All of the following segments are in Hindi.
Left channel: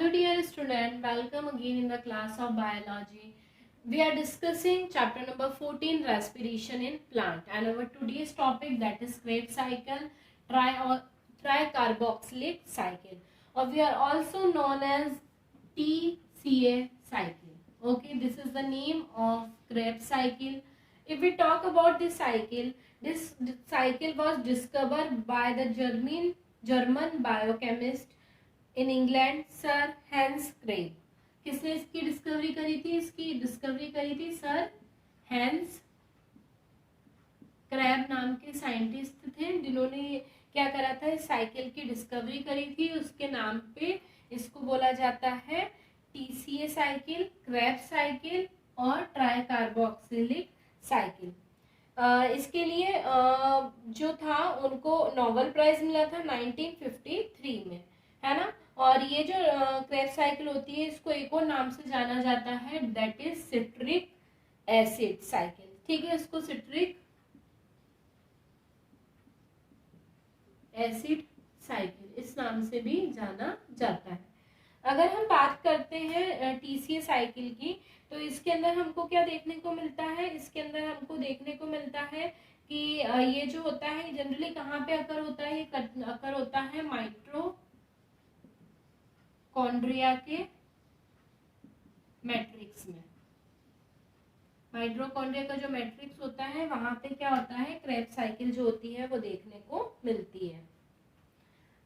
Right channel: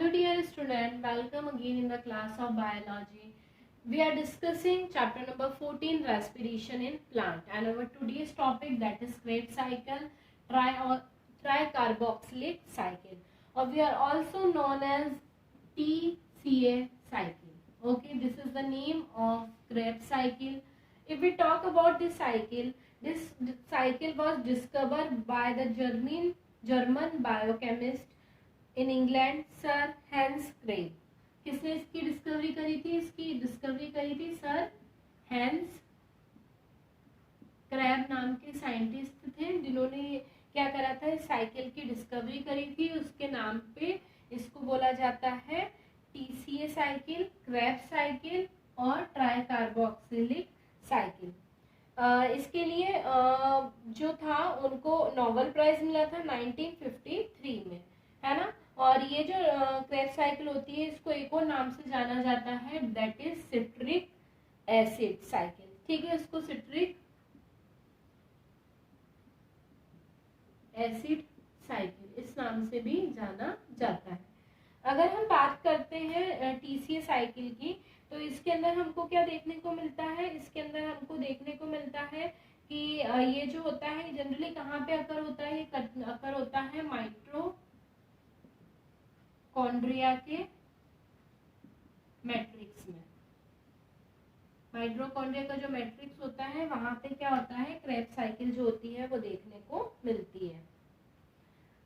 Hello dear student, welcome again in the class of biology. We are discussing chapter number 14 respiration in plant and our today's topic that is Krebs cycle, tricarboxylic cycle, or we are also known as TCA cycle. Okay, this is the name of Krebs cycle. If we talk about this cycle was discovered by the German biochemist in England sir Hans Krebs. किसने इसकी डिस्कवरी करी थी? इसकी डिस्कवरी करी थी सर हैंस क्रैब नाम के साइंटिस्ट थे, जिन्होंने क्या करा था, इस साइकिल की डिस्कवरी करी थी. उसके नाम पे इसको बोला जाता है टीसीए साइकिल, क्रैब साइकिल और ट्राइकार्बोक्सिलिक साइकिल. इसके लिए जो था उनको नोबेल प्राइज मिला था 1953 में, है ना. और ये जो क्रेब्स साइकिल होती है इसको एक और नाम से जाना जाता है, that is citric acid cycle. ठीक है, इसको सिट्रिक एसिड साइकिल इस नाम से भी जाना जाता है. अगर हम बात करते हैं टीसीए साइकिल की, तो इसके अंदर हमको क्या देखने को मिलता है? इसके अंदर हमको देखने को मिलता है कि ये जो होता है जनरली कहाँ पे अकर होता है? अकर होता है माइटोकॉन्ड्रिया के मैट्रिक्स में. माइटोकॉन्ड्रिया का जो मैट्रिक्स होता है वहां पे क्या होता है, क्रेब्स साइकिल जो होती है वो देखने को मिलती है.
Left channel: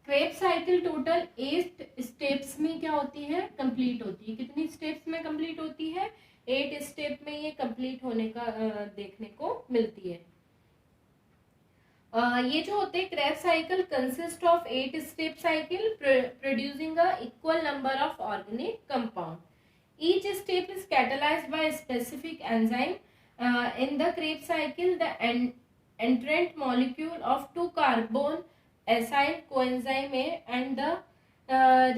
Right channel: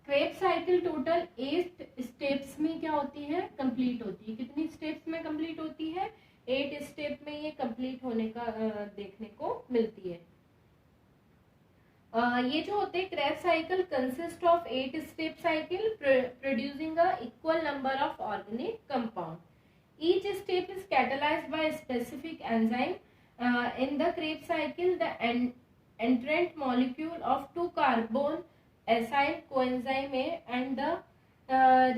क्रेब्स साइकिल टोटल 8 स्टेप्स में क्या होती है, कंप्लीट होती है. कितनी स्टेप्स में कंप्लीट होती है? 8 स्टेप में ये कंप्लीट होने का देखने को मिलती है. ये जो होते हैं Krebs cycle consist of 8 step cycle producing a equal number of organic compound. Each step is catalysed by specific enzyme. In the Krebs cycle the एंट्रेंट molecule of 2 carbon acyl coenzyme A and the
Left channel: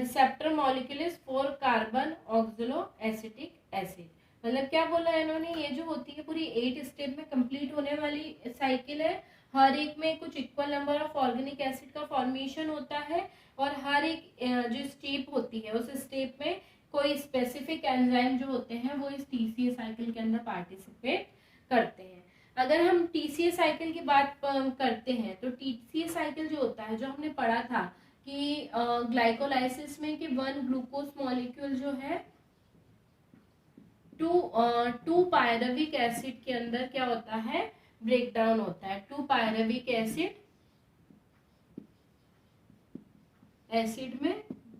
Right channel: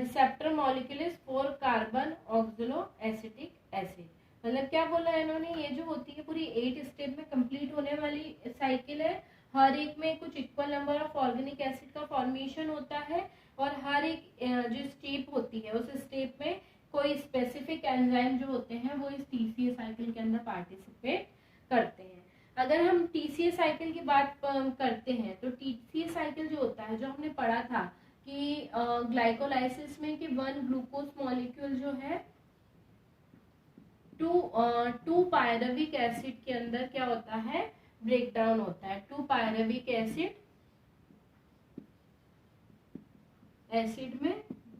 receptor molecule is 4 carbon oxaloacetic acid. मतलब क्या बोला है इन्होंने, ये जो होती है पूरी 8 स्टेप में कंप्लीट होने वाली साइकिल है. हर एक में कुछ equal number of organic acid का फॉर्मेशन होता है और हर एक जो स्टेप होती है उस स्टेप में कोई स्पेसिफिक एंजाइम जो होते हैं वो इस टीसीए साइकिल के अंदर पार्टिसिपेट करते हैं. अगर हम टीसीए साइकिल की बात करते हैं तो टीसीए साइकिल जो होता है, जो हमने पढ़ा था कि ग्लाइकोलाइसिस में कि 1 ग्लूकोज मॉलिक्यूल जो है 2 पायरुविक एसिड के अंदर क्या होता है, ब्रेक डाउन होता है. 2 पायरुविक एसिड में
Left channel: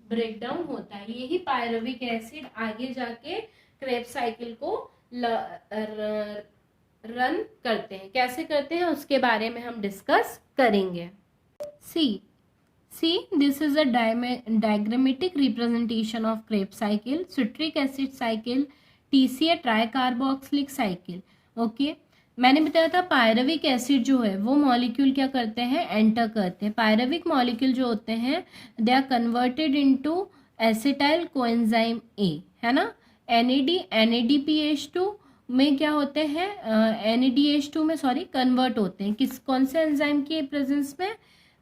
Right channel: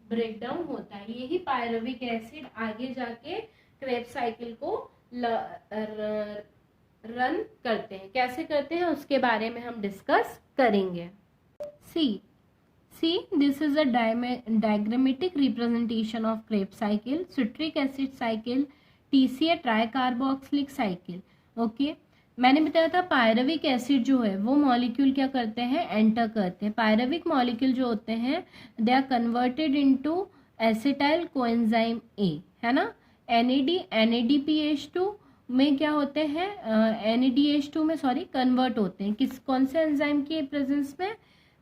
ब्रेक डाउन होता है. यही पायरुविक एसिड आगे जाके क्रेब्स साइकिल को रन करते हैं. कैसे करते हैं उसके बारे में हम डिस्कस करेंगे. See this is a diagrammatic representation of Krebs cycle, citric acid cycle, TCA tricarboxylic cycle. Okay, मैंने बताया था पायरुविक एसिड जो है वो मॉलिक्यूल क्या करते हैं, एंटर करते हैं. पायरुविक मॉलिक्यूल जो होते हैं they are converted into acetyl coenzyme A, है ना. NADPH2 में क्या होते हैं, NADH2 में कन्वर्ट होते हैं. कौन से एंजाइम की प्रेजेंस में?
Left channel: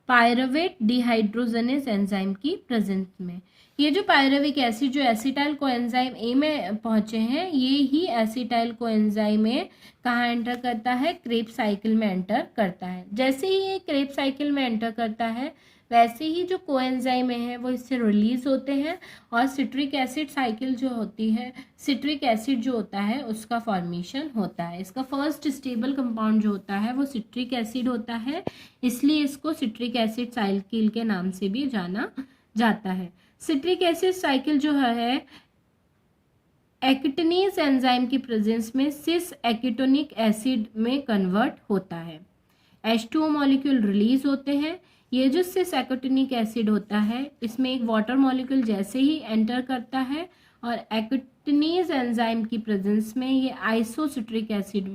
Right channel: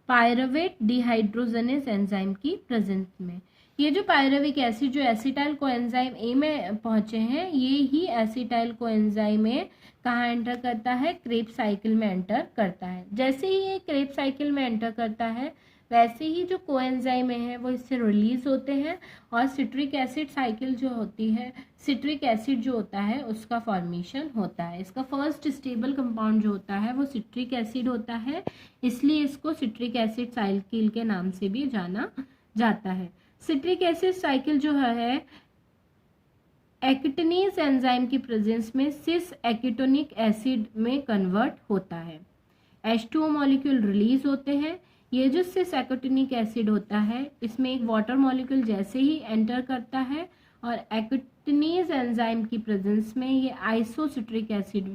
पायरुवेट डिहाइड्रोजनेज एंजाइम की प्रेजेंस में. ये जो पायरुविक एसिड जो एसिटाइल कोएंजाइम ए में पहुंचे हैं, ये ही एसिटाइल कोएंजाइम ए कहाँ एंटर करता है, क्रेब्स साइकिल में एंटर करता है. जैसे ही ये क्रेब्स साइकिल में एंटर करता है वैसे ही जो कोएंजाइम है वो इससे रिलीज होते हैं और सिट्रिक एसिड साइकिल जो होती है, सिट्रिक एसिड जो होता है उसका फॉर्मेशन होता है. इसका फर्स्ट स्टेबल कंपाउंड जो होता है वो सिट्रिक एसिड होता है, इसलिए इसको सिट्रिक एसिड साइकिल के नाम से भी जाना जाता है. सिट्रिक एसिड साइकिल जो है एकेटोनेज एंजाइम की प्रेजेंस में सिस एकेटोनिक एसिड में कन्वर्ट होता है. H2O मॉलिक्यूल रिलीज होते हैं. ये जो सिस एकेटोनिक एसिड होता है इसमें एक वाटर मॉलिक्यूल जैसे ही एंटर करता है और एकेटोनेज एंजाइम की प्रेजेंस में ये आइसोसिट्रिक एसिड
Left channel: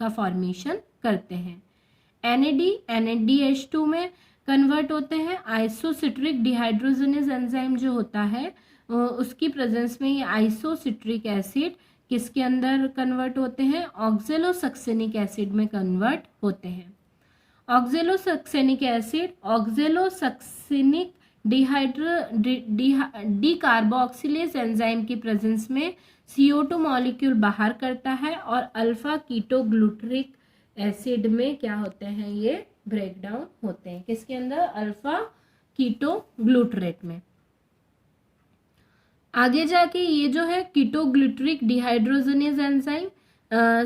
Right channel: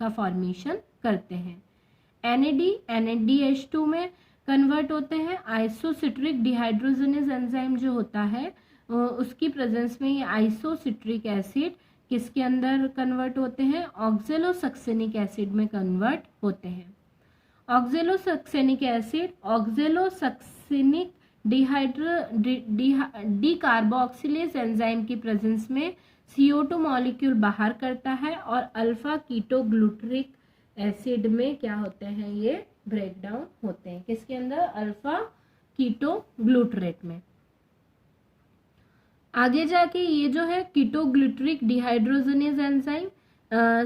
का फॉर्मेशन करते हैं. NADH2 में कन्वर्ट होते हैं. आइसोसिट्रिक डिहाइड्रोजनेज एंजाइम जो होता है उसकी प्रेजेंस में ये आइसोसिट्रिक एसिड किसके अंदर कन्वर्ट होते हैं, ऑक्जेलोसक्सेनिक एसिड में कन्वर्ट होते हैं. ऑक्जेलोसक्सेनिक एसिड ऑक्जेलोसक्सेनिक डीकार्बोक्सिलेज एंजाइम की प्रेजेंस में CO2 मॉलिक्यूल बाहर करता है और अल्फा कीटोग्लूटरिक एसिड में क्या होते हैं, ये ब्रेक डाउन होते हैं। किसके अंदर? अल्फा कीटोग्लूटरेट में। आगे जाके ये जो है ketoglutaric dehydrogenase enzyme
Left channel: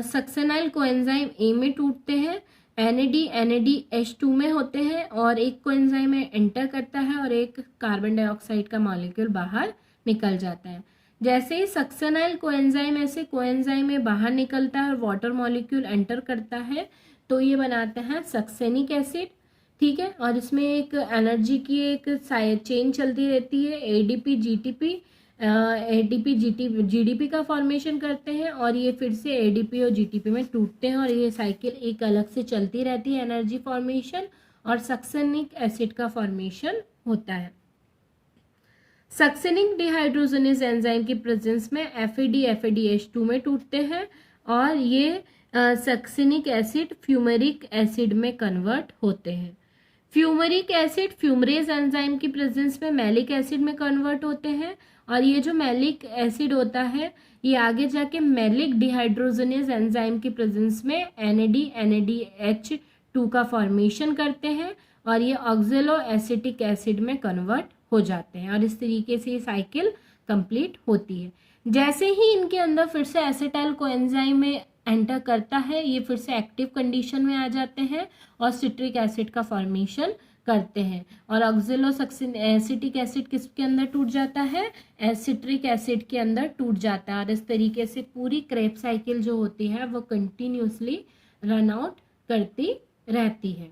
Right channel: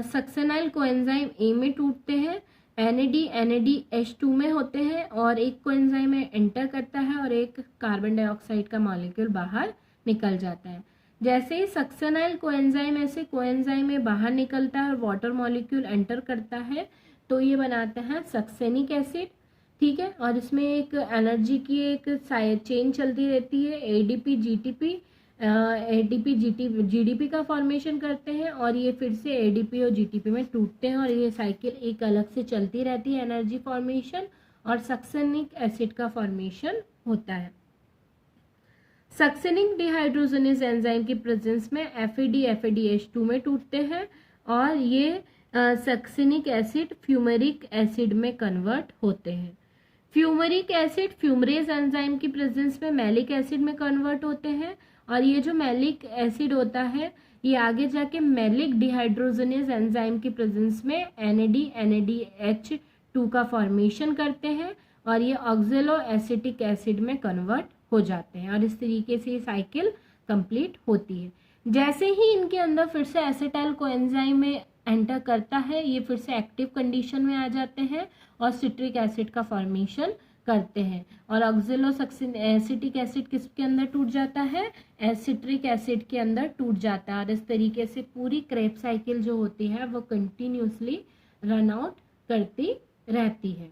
सक्सेनाइल coenzyme A में टूटते हैं, NADH2 में होते हैं और एक कोएंजाइम में एंटर करता है और एक कार्बन डाइऑक्साइड का मॉलिक्यूल बाहर निकल जाता है। जैसे ही सक्सेनाइल कोएंजाइम ऐसे कोएंजाइम में बाहर निकलता है और वाटर मॉलिक्यूल एंटर करता है तो ये बनाते हैं सक्सेनिक एसिड, ठीक है। और इसमें एक एनर्जी की एक चेन चलती रहती है, ADP GTP ADP GDP का फॉर्मेशन करते हैं और ये फिर से ADP और GTP में टूटते हैं और ये साइकिल एक अलग से चलती रहती है, एनर्जी फॉर्मेशन और सक्सेनिक एसिड का फॉर्मेशन होता है। सक्सेनिक डिहाइड्रोजनेज एंजाइम की प्रेजेंस में FADH2 में टूटते हैं और ये सक्सेनिक एसिड फ्यूमेरिक एसिड में कन्वर्ट होते हैं। फ्यूमेरिक एसिड फ्यूमरेज एंजाइम की प्रेजेंस में मैलिक एसिड में कन्वर्ट होते हैं और ये जो मैलिक एसिड होता है ये आगे जाके मैलिक डिहाइड्रोजनेज एंजाइम की प्रेजेंस में NADH2 का फॉर्मेशन करते हैं और ये ऑक्जेलो एसिटिक एसिड में कन्वर्ट हो जाते हैं और इस तरीके से ये साइकिल कंप्लीट होती है। जैसे ही इनके अंदर फिर से एसिटाइल कोएंजाइम में एंटर करता है ये फिर से एक्टिव कंडीशन में आ जाते हैं और सिट्रिक एसिड का फॉर्मेशन करते हैं और ऑक्जेलो एसिटिक एसिड किसके अंदर टूट जाता है? सिट्रिक एसिड के अंदर टूट जाता है और इस तरीके से पूरी क्रेब साइकिल जो होती है वो कंटिन्यूसली रन आउट करती रहती है।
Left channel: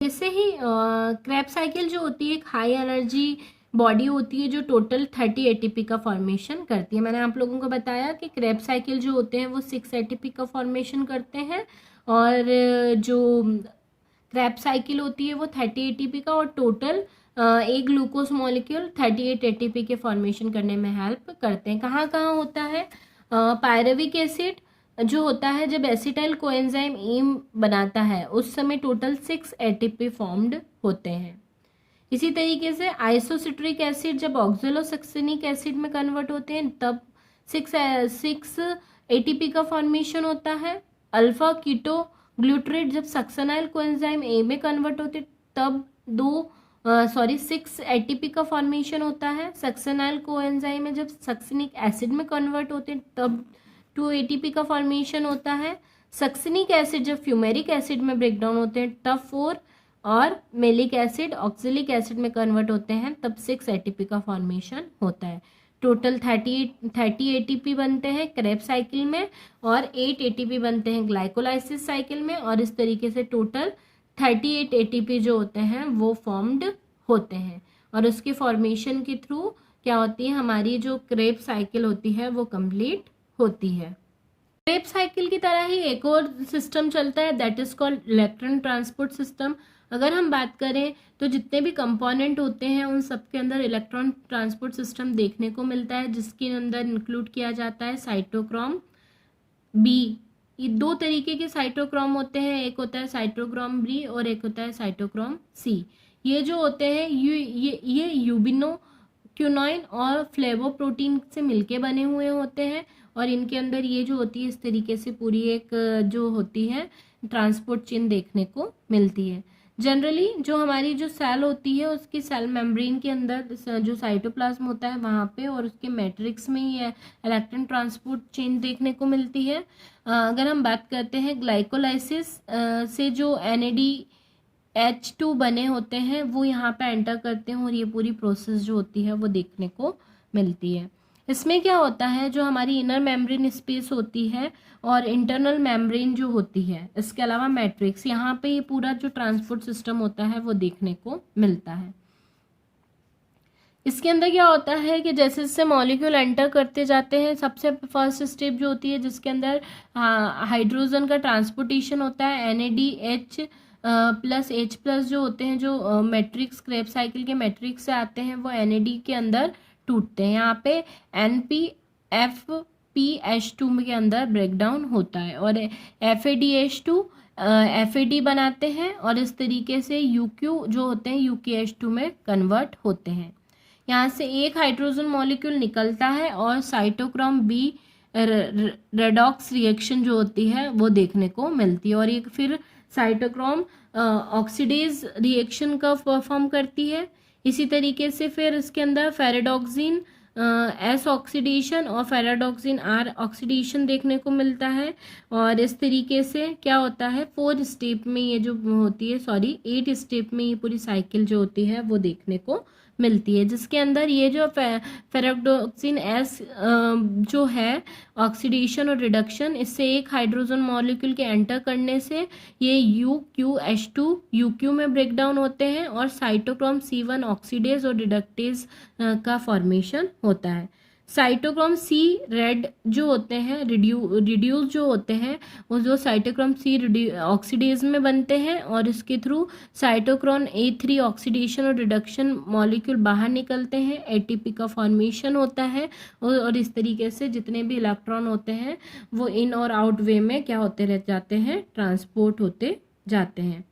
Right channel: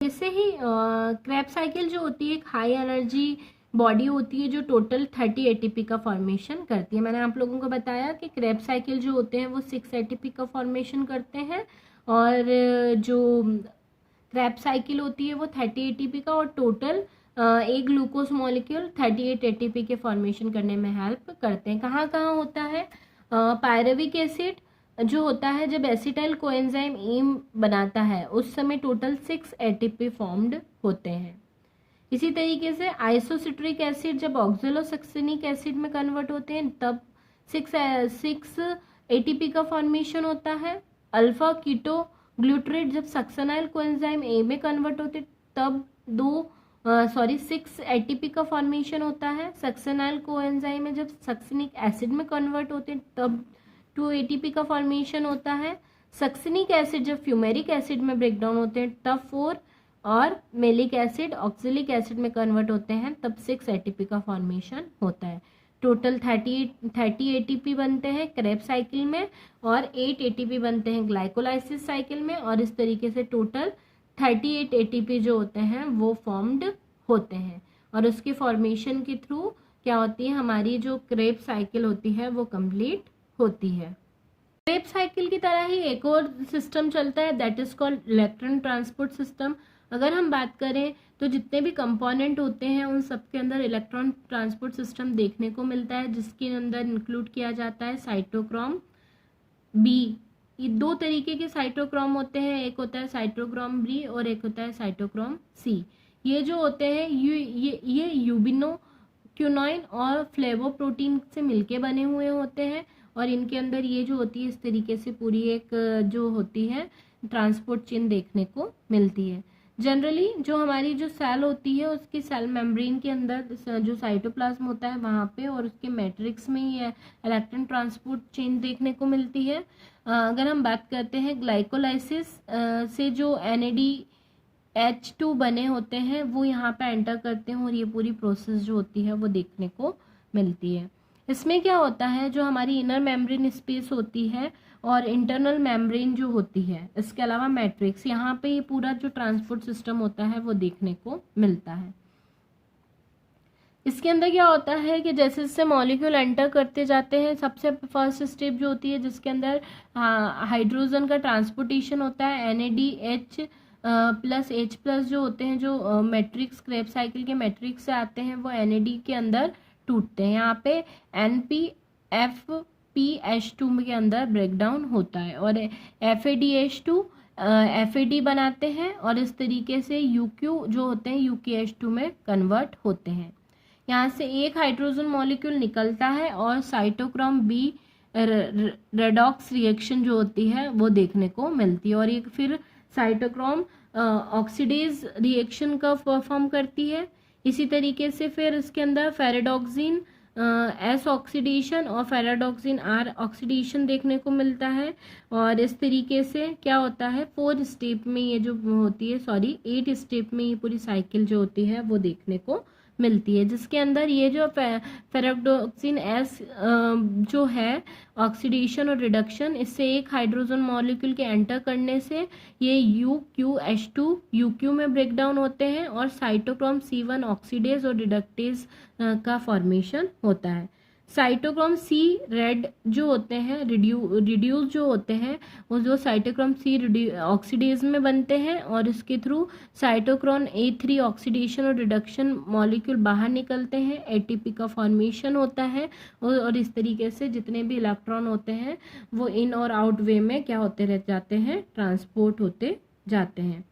जैसे ही क्रेब साइकिल जो होती है एक हाई एनर्जी बॉडी होती है जो टोटल 30 ATP का फॉर्मेशन करती है। मैंने आप लोगों को बताया कि क्रेब साइकिल जो होते हैं वो 6 ATP का फॉर्मेशन करते हैं और जो क्रेब साइकिल होती है वो 30 ATP का और टोटल एक ग्लूकोज मॉलिक्यूल 38 ATP के फॉर्मेशन करने में हेल्प करते हैं। कहाँ कहाँ होता है? पायरुविक एसिड जो होता है जब एसिटाइल कोएंजाइम ए बनाता है उस समय टोटल 6 ATP फॉर्म्ड होते हैं। इसी तरीके से आइसोसिट्रिक एसिड जब ऑक्जेलोसक्सेनिक एसिड में कन्वर्ट होते हैं तब 6 ATP का फॉर्मेशन होता है। अल्फा कीटो ग्लूटरेट जब सक्सेनाइल कोएंजाइम ए में कन्वर्ट होते तब 6 ATP का फॉर्मेशन होता है। सक्सेनाइल कोएंजाइम में जब सक्सेनिक एसिड में कन्वर्ट होते हैं तब 2 ATP का फॉर्मेशन होता है। सक्सेनिक एसिड जब फ्यूमेरिक एसिड में ब्रेक डाउन होते हैं तब 4 और मेलिक एसिड ऑक्जेलिक एसिड में कन्वर्ट होते हैं तब 6 ATP का फॉर्मेशन होता है। टोटल 30 ATP बनते हैं क्रेब साइकिल में और 8 ATP बनते हैं ग्लाइकोलाइसिस साइकिल में और इस तरीके से टोटल 38 ATP जो होते हैं वो फॉर्म्ड होते हैं और उसके फॉर्मेशन के थ्रू क्या होती है हमारी जो क्रेब साइकिल होती है वो कंप्लीट होती है। क्रेब साइकिल की तरह ही एक और सिस्टम चलता है that is called electron transport system. अगर हम बात करें तो जितने भी कंपोनेंट होते हैं उन सब के अंदर इलेक्ट्रॉन ट्रांसपोर्ट सिस्टम देखने को मिलता है जिसके अंदर इंक्लूड किया जाता है साइटोक्रोम बी। ये 2 तरीके के साइटोक्रोम होते हैं, एक होता है साइटोक्रोम बी और एक होता है साइटोक्रोम सी। ये जो होते हैं ये यूबिनोक्विनोइन और फ्लेवोप्रोटीन से मिलके बने हुए होते हैं और इनके अंदर ये जो होती है इस तरीके से पूरी एक जो होती है ट्रांसपोर्ट चेन देखने को मिलती है। जनरली जो हमारी जो सेल होती है उसकी सेल मेम्ब्रेन के अंदर जो साइटोप्लाज्म होता है वहाँ पे और उसके मैट्रिक्स में ये इलेक्ट्रॉन ट्रांसपोर्ट चेन देखने को मिलती है। अगर हम बात करते हैं ग्लाइकोलाइसिस से जो NADH2 बने होते हैं वो यहाँ पे एंटर करते हैं और ये पूरी प्रोसेस जो होती है वो देखने को मिलती है। इसमें क्या होता है जो हमारी इनर मेम्ब्रेन स्पेस होती है और इंटरनल मेम्ब्रेन जो होती है इसके अलावा मैट्रिक्स यहाँ पे ये पूरा जो ट्रांसपोर्ट सिस्टम होता है वो देखने को मिलता है। इसके अंदर क्या होता है कि जैसे जैसे मॉलिक्यूल एंटर करते जाते हैं सबसे फर्स्ट स्टेप जो होती है जिसके अंदर हाइड्रोजन का ट्रांसपोर्टेशन होता है NADH प्लस H+ जो होते हैं जो मैट्रिक्स क्रेब साइकिल के मैट्रिक्स से आते हैं वो NAD के अंदर टूटते हैं। यहाँ पे NPFPH2 के अंदर ब्रेक डाउन होता है और FADH2 FAD बनाते हैं और इस तरीके से UQ जो होते हैं UKH2 में कन्वर्ट होते हैं। यहाँ से एक हाइड्रोजन मॉलिक्यूल निकलता है और साइटोक्रोम B रेडॉक्स रिएक्शन जो होती है वो देखने को मिलती है, और एक फिर साइटोक्रोम ऑक्सीडेज रिएक्शन का परफॉर्म करती है। इसी तरीके से फिर इसके अंदर फेराडॉक्सिन S ऑक्सीडेशन और फेराडॉक्सिन R ऑक्सीडेशन देखने को मिलता है। और इस तरीके से क्या होता है 4 स्टेप में ये जो होती है 8 स्टेप में ये पूरी साइकिल जो होती है वो देखने को मिलती है, जिसके अंदर ये जो फेराडॉक्सिन S जो है ऑक्सीडेशन और रिडक्शन, इससे एक हाइड्रोजन मॉलिक्यूल के एंटर करने से ये UQH2 UQ में ब्रेक डाउन होते हैं और साइटोक्रोम C1 ऑक्सीडेज और रिडक्टेज का फॉर्मेशन होता है। साइटोक्रोम C रेड जो होते हैं रिड्यूस जो होते हैं वो जो साइटोक्रोम C ऑक्सीडेज में बनते हैं, और इसके थ्रू साइटोक्रोम A3 ऑक्सीडेशन और रिडक्शन मॉलिक्यूल बाहर निकलते हैं, ATP का फॉर्मेशन होता है, और इस तरीके से जितने भी इलेक्ट्रॉन होते हैं वो इन और आउट वे में क्या होते रह जाते हैं, ट्रांसपोर्ट होते जाते हैं।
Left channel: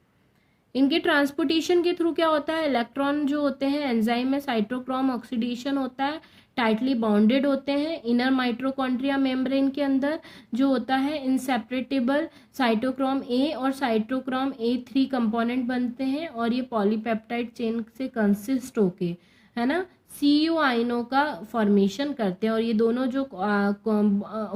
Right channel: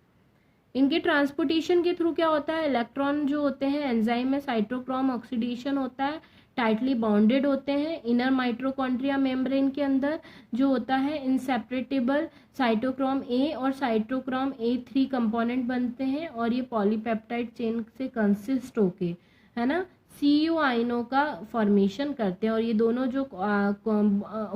इनके ट्रांसपोर्टेशन के थ्रू क्या होता है, इलेक्ट्रॉन जो होते हैं एंजाइम में साइटोक्रोम ऑक्सीडेशन होता है, टाइटली बाउंडेड होते हैं इनर माइटोकॉन्ड्रिया मेम्ब्रेन के अंदर जो होता है इनसेपरेटेबल साइटोक्रोम A और साइटोक्रोम A3 कंपोनेंट बनते हैं, और ये पॉलीपेप्टाइड चेन से कंसिस्ट होके है ना CU आयनों का फॉर्मेशन करते हैं। और ये दोनों जो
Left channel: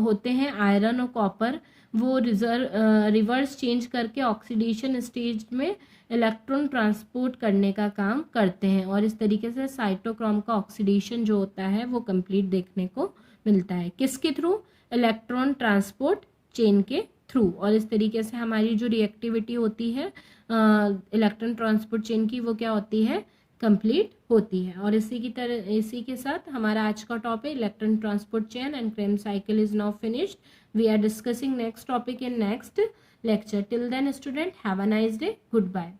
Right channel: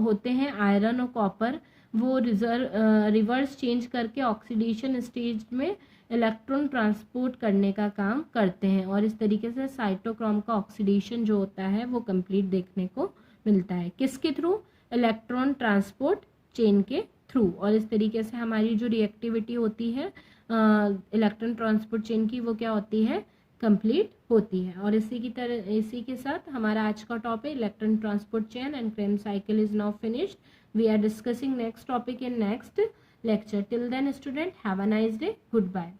होते हैं आयरन और कॉपर वो रिवर्स चेंज करके ऑक्सीडेशन स्टेज में इलेक्ट्रॉन ट्रांसपोर्ट करने का काम करते हैं, और इस तरीके से साइटोक्रोम का ऑक्सीडेशन जो होता है वो कंप्लीट देखने को मिलता है। किसके थ्रू, इलेक्ट्रॉन ट्रांसपोर्ट चेन के थ्रू। और इस तरीके से हमारी जो रिएक्टिविटी होती है इलेक्ट्रॉन ट्रांसपोर्ट चेन की वो क्या होती है, कंप्लीट होती है। और इसी के साथ हमारा आज का topic electron transport chain and Krebs cycle is now finished. We are discussing next topic in next lecture. Till then student, have a nice day. Goodbye.